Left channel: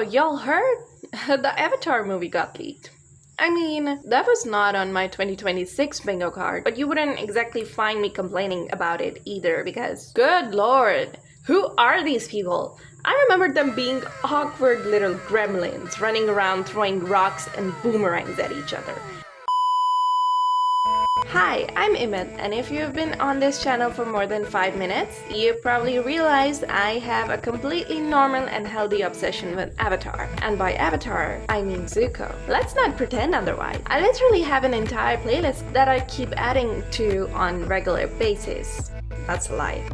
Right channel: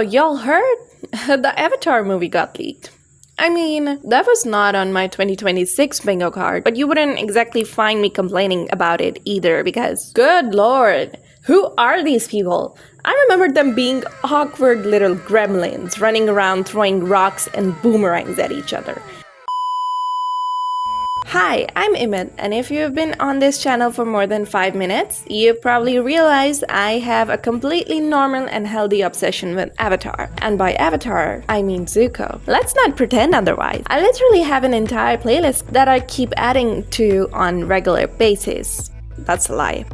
y'all heard? The Avatar movie got leaked. I mean, that was not on my 2026 bingo card, but you wouldn't exactly find me complaining about it either because, good lord, who are these people? I remember them being awkward little gremlins running around throwing rocks and boomerangs at each other. Hi, I'm Imit, and if you've been on this channel for more than 5 minutes, you've probably realized I have a completely normal and healthy obsession with Avatar. And by Avatar, I mean Zuko. Let's not pretend otherwise. I literally have an entire playlist that I keep adding to on regular basis. That's a lie.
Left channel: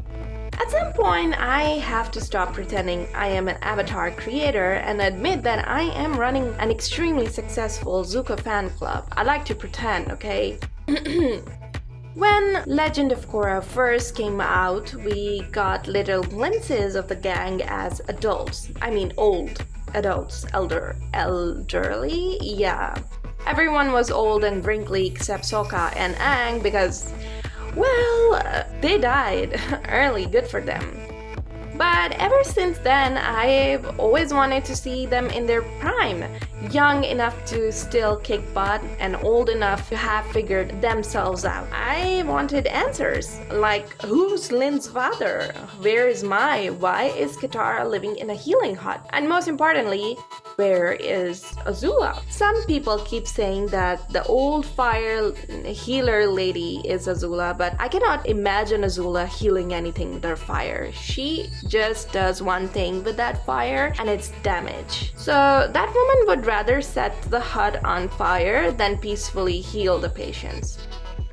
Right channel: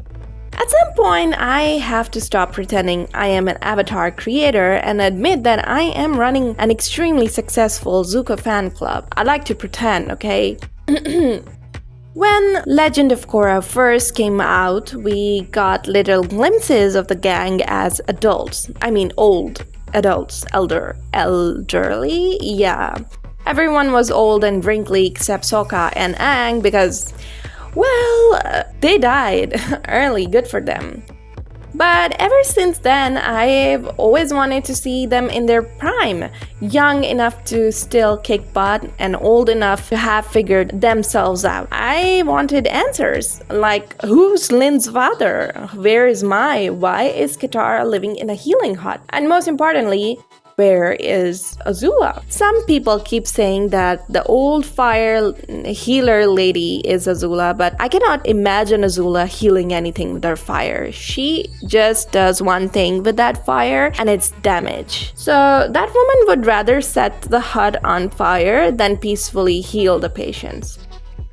At some point, I have to stop pretending I am an Avatar creator and admit that I am running an extremely successful Zuko fan club. I like to pretend, okay? When Legend of Korra first came out, we got little glimpses of the gang as adults. I mean old adults, elderly, yeah. Everyone was old and wrinkly except Sokka and Aang because, well, they died early, good for them. But ever since then, I've always wanted to see them in their prime, young enough to still kick butt and old enough to have figured themselves out. I wanted answers, like who's Lin's father? Where is Mai? Why is Katara living in a healing hut? And most importantly, where is Azula? Some people keep saying that the old fire healer lady is Azula, but I cannot imagine Azula healing anything with her fire. She just does one thing with that fire and it's damage. So that woman would rather set the hut on fire than peacefully heal the patients.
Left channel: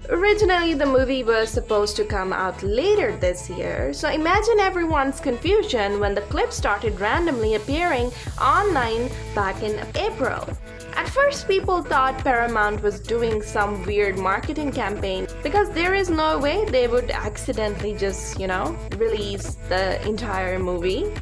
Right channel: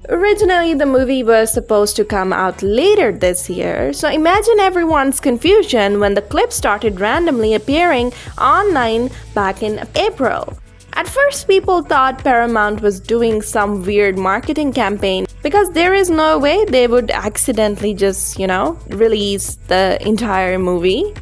Originally, the movie was supposed to come out later this year, so imagine everyone's confusion when the clips started randomly appearing online back in April. At first, people thought Paramount was doing some weird marketing campaign because there is no way they would accidentally just, release the entire movie.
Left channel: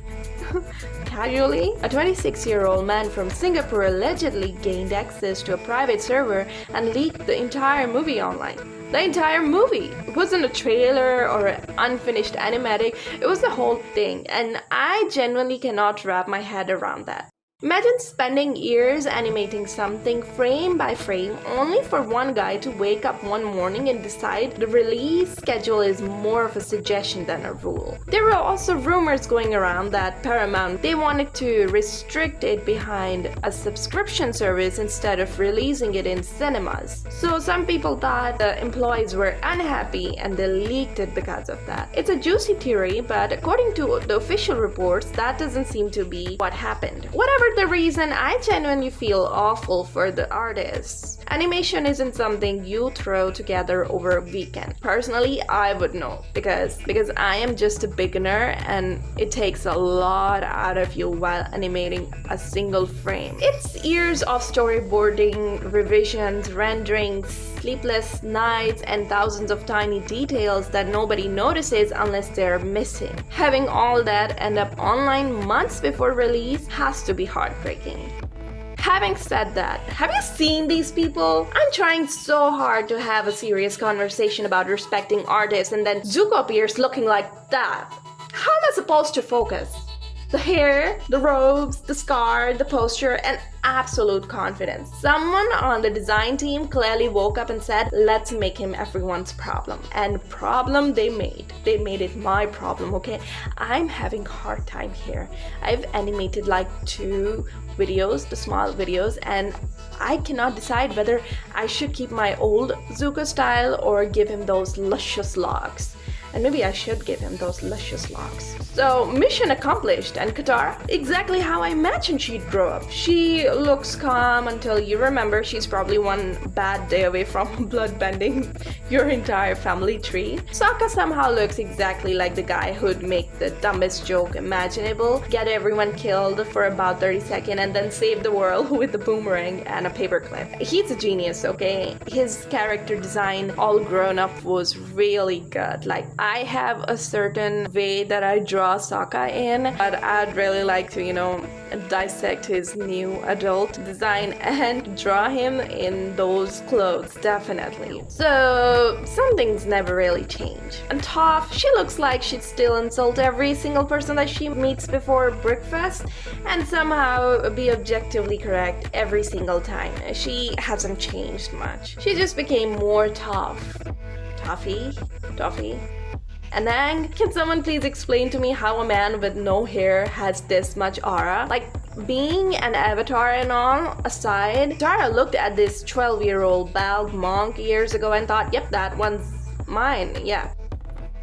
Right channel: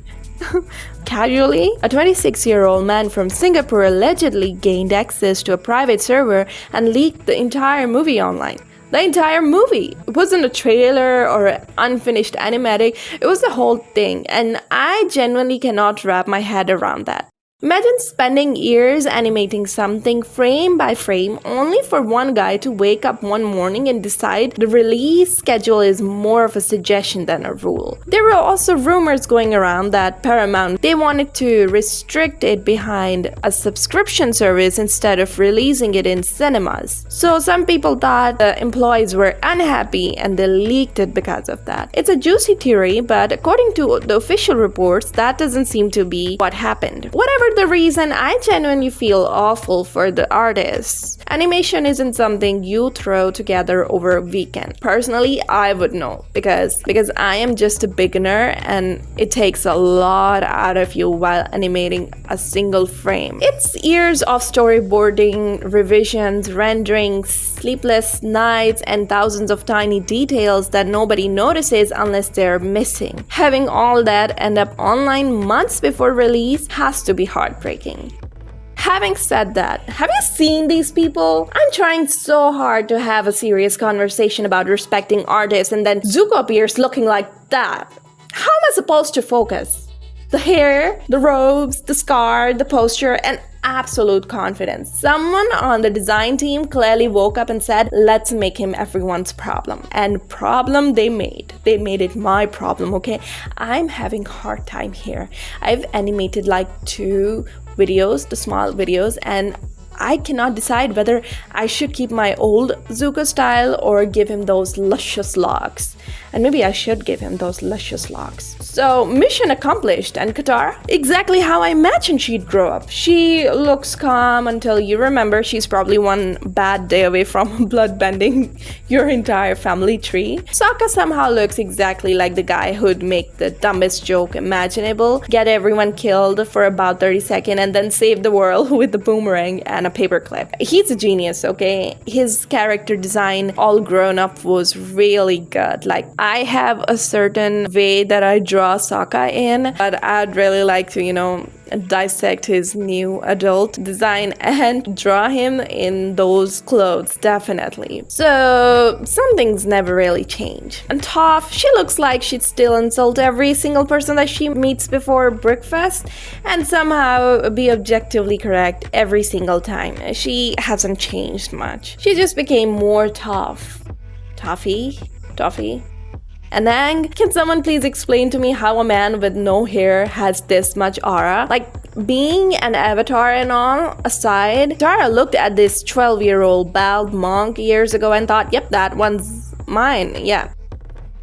Casually, a 26-year-old man from Singapore allegedly gained access to a private server and leaked the entire movie online. The entire movie. It wasn't a trailer or an unfinished animatic, it was the whole thing, and I genuinely cannot wrap my head around that. Imagine spending years animating something frame by frame only for one guy to wake up one morning and decide the release schedule is more of a suggestion than a rule. There were also rumors going around that Paramount, they wanted to restrict it behind a subscription service instead of releasing it in cinemas. So some people thought the employees were unhappy and they leaked it because of that. It's a juicy theory, but according to the official reports, that doesn't seem to be what happened. Whatever the reason, I genuinely feel awful for the artists. Animation isn't something you throw together over a weekend. Personally, I would know because I am just a beginner and it takes a lot out of you while animating a single frame. It's years of storyboarding, revisions, renderings, sleepless nights, and thousands of tiny details that nobody notices unless they're missing. Having all that end up online months before release has to be heartbreaking. Having said that, have you seen these people? I'm trying so hard to have a serious conversation about respecting artists and then Zuko appears looking like that. How am I supposed to focus? The hair, the robes, the scar, the posture, and absolute confidence. Someone on the design team clearly woke up and said, let's make him everyone's problem. And problem they made. They made it my problem, okay? I'm having a hard time here. I've animated like 2 videos, the small videos, and I cannot decide whether I should keep my old Zuko style or give him those luscious locks. And maybe I should give him those luscious locks. So, mission accomplished. And Katara? Exactly how I imagined she'd grow up. She looks calm until you remember she's probably one bad day away from bloodbending your entire family tree. Sokka somehow looks exactly like the guy who'd make the dumbest joke imaginable, get everyone killed for about 30 seconds, and then save the world with a boomerang and a paperclip. He's a genius, okay? His character design, all grown up, was really good. Like, I have a certain way that I draw draw Sokka in, but I'd really like to, dissect his new adult design and draw him in those clothes, definitely. So some things never really change. And Toph, she looks like she'd still insult every single person that she meets before breakfast and somehow be objectively correct every single time. She hasn't changed much. She just became more Toph. Toffee? And then, can someone please explain to me how a man with no hair has this much aura? Like, being an avatar and all aside, Tara looked at this 12-year-old bald monk years ago and thought, yep, that one's mine, yeah.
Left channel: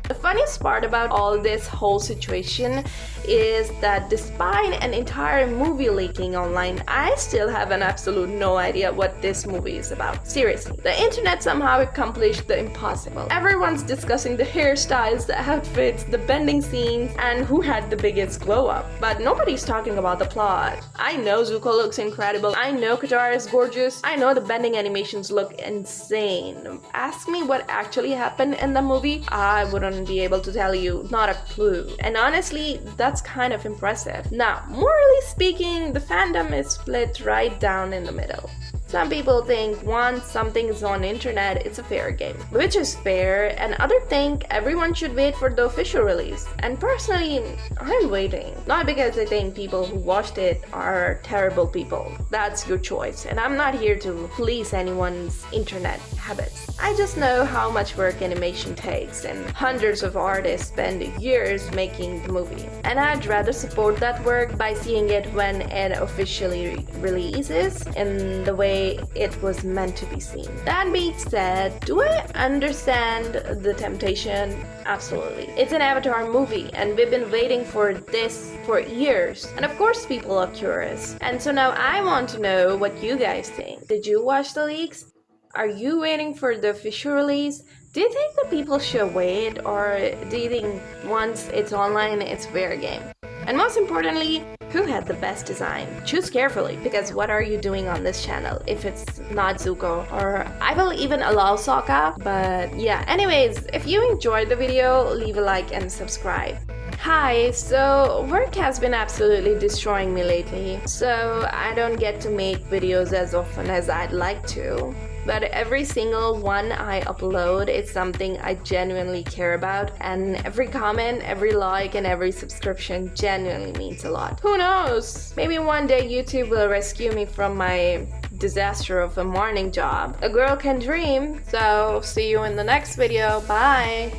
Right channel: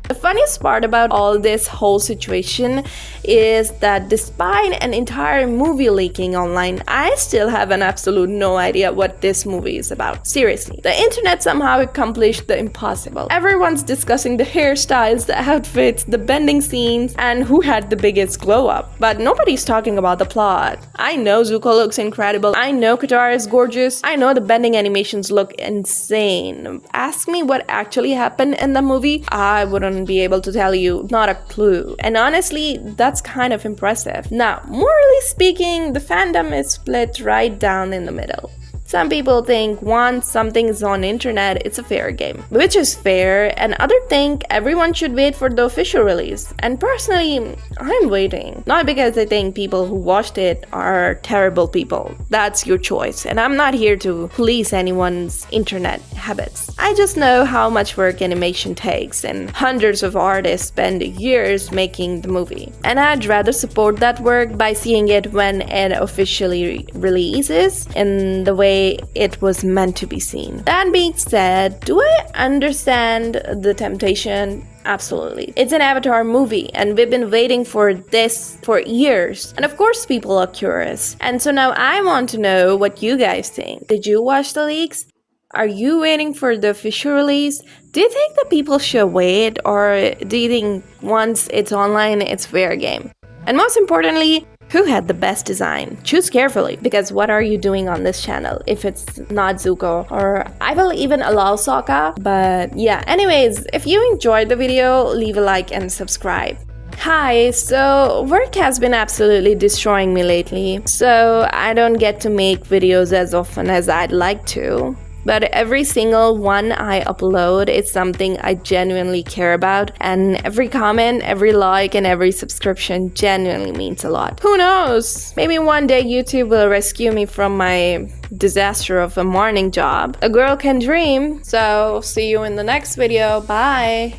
The funniest part about all this whole situation is that despite an entire movie leaking online, I still have an absolute no idea what this movie is about. Seriously, the internet somehow accomplished the impossible. Everyone's discussing the hairstyles, the outfits, the bending scenes, and who had the biggest glow up. But nobody's talking about the plot. I know Zuko looks incredible. I know Katara is gorgeous. I know the bending animations look insane. Ask me what actually happened in the movie, I wouldn't be able to tell you, not a clue. And honestly, that's kind of impressive. Now, morally speaking, the fandom is split right down in the middle. Some people think once something is on internet, it's a fair game, which is fair, and others think everyone should wait for the official release. And personally, I'm waiting. Not because I think people who watched it are terrible people. That's your choice, and I'm not here to police anyone's internet habits. I just know how much work animation takes, and hundreds of artists spend years making the movie. And I'd rather support that work by seeing it when it officially releases, in the way it was meant to be seen. That being said, do I understand the temptation? Absolutely. It's an Avatar movie, and we've been waiting for this for years. And of course people are curious. And so now I want to know what you guys think. Did you watch the leaks? Are you waiting for the official release? Do you think that people should wait, or do you think once it's online, it's fair game? And most importantly, who had the best design? Choose carefully, because what are you doing on this channel if it's not Zuko? Or I will even allow Sokka, but yeah. Anyways, if you enjoyed the video, leave a like and subscribe. Hi, so work has been absolutely destroying me lately, so I don't get to make videos as often as I'd like to. But every single one I upload is something I genuinely care about, and every comment, every like, and every subscription genuinely means a lot. Who knows? Maybe one day YouTube will rescue me from my disaster of a morning job. A girl can dream. So see you in the next video. Bye!